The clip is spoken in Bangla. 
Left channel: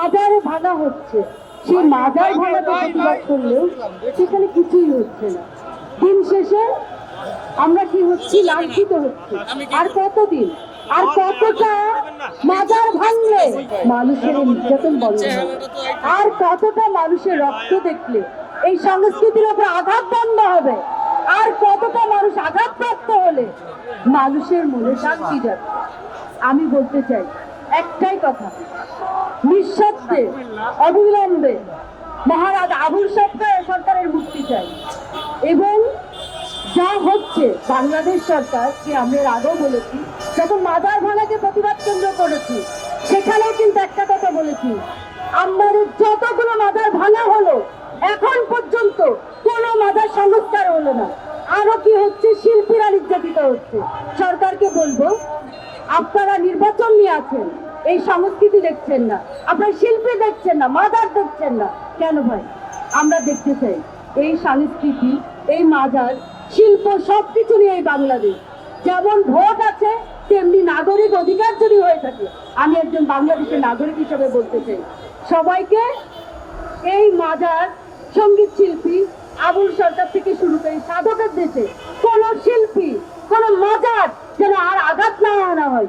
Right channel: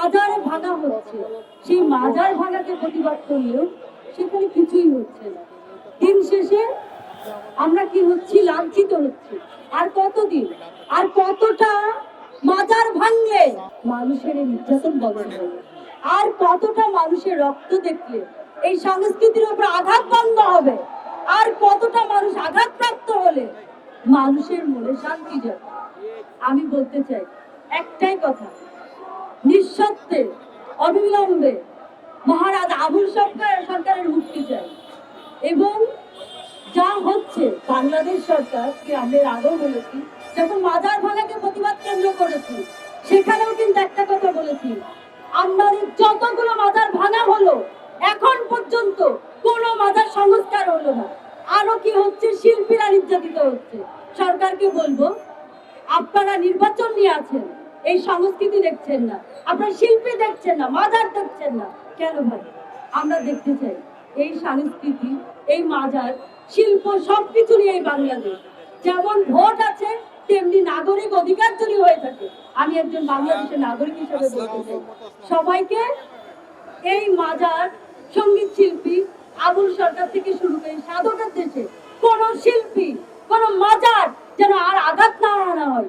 মাজারে ভাঙা হচ্ছে। সেই মাজার ভাঙাতে প্রতিবাদ করলেও সেখানে কিছুই হচ্ছে না। দিন শেষে আমরা কি হচ্ছি? লাঞ্ছিত হচ্ছি। আর কতদিন? আর কতটা মাজার ভাঙলে মানুষের নির্যাতন বন্ধ হবে? আর কতটা মানুষের রক্ত দেখলে? এই সংস্কৃতির উপর আঘাত বন্ধ হবে। আর কতটা মানুষ আঘাতপ্রাপ্ত হলে? মানুষের মনে শান্তি যাবে। আমি বলতে চাই একটাই কথা। নিঃশব্দে, অবিলম্বে মহারাজ আবুল সরকার সরকারের মুক্তি চাই। এবং যা হচ্ছে, বাংলাদেশ সরকার, যে আমরা আগেও বলেছি, যখন মাদার ভাঙাকে প্রতিবাদ কেন্দ্র করেছি, সেখানেও কিন্তু একটা কথা বলেছি আপনাদের যতগুলো মাদার ভাঙা হলো, এখন পর্যন্ত কোনো মাদার সংস্কার হলো না। আরও কি হচ্ছে? শিল্পীরা নির্যাতিত হচ্ছে। সরকারকে বলব, আপনারা নির্বাচন নিয়ে আছেন এই সংস্কৃতি দেখছেন না। আপনার শিল্পী দেখছেন না, মাজার দেখছেন না। কেন ভাই? আমরা দেখতে চাই, এই সংস্কৃতি, এই মাজার, শিল্প সবকিছু নিয়ে এই বাংলাদেশ। যেমন ভোট আছে, তেমনি নাগরিক অধিকার যদি হয়ে থাকে। আমি একজন বাংলাদেশের নাগরিক হিসেবে বলতে চাই। সবাইকে এই মাজার, সংগীত শিল্পী, আবুল সরকার থেকে শুরু করে সাধকের দেশে কোন শিল্পী কোন মাজার যেন আর আঘাত না আনা হয়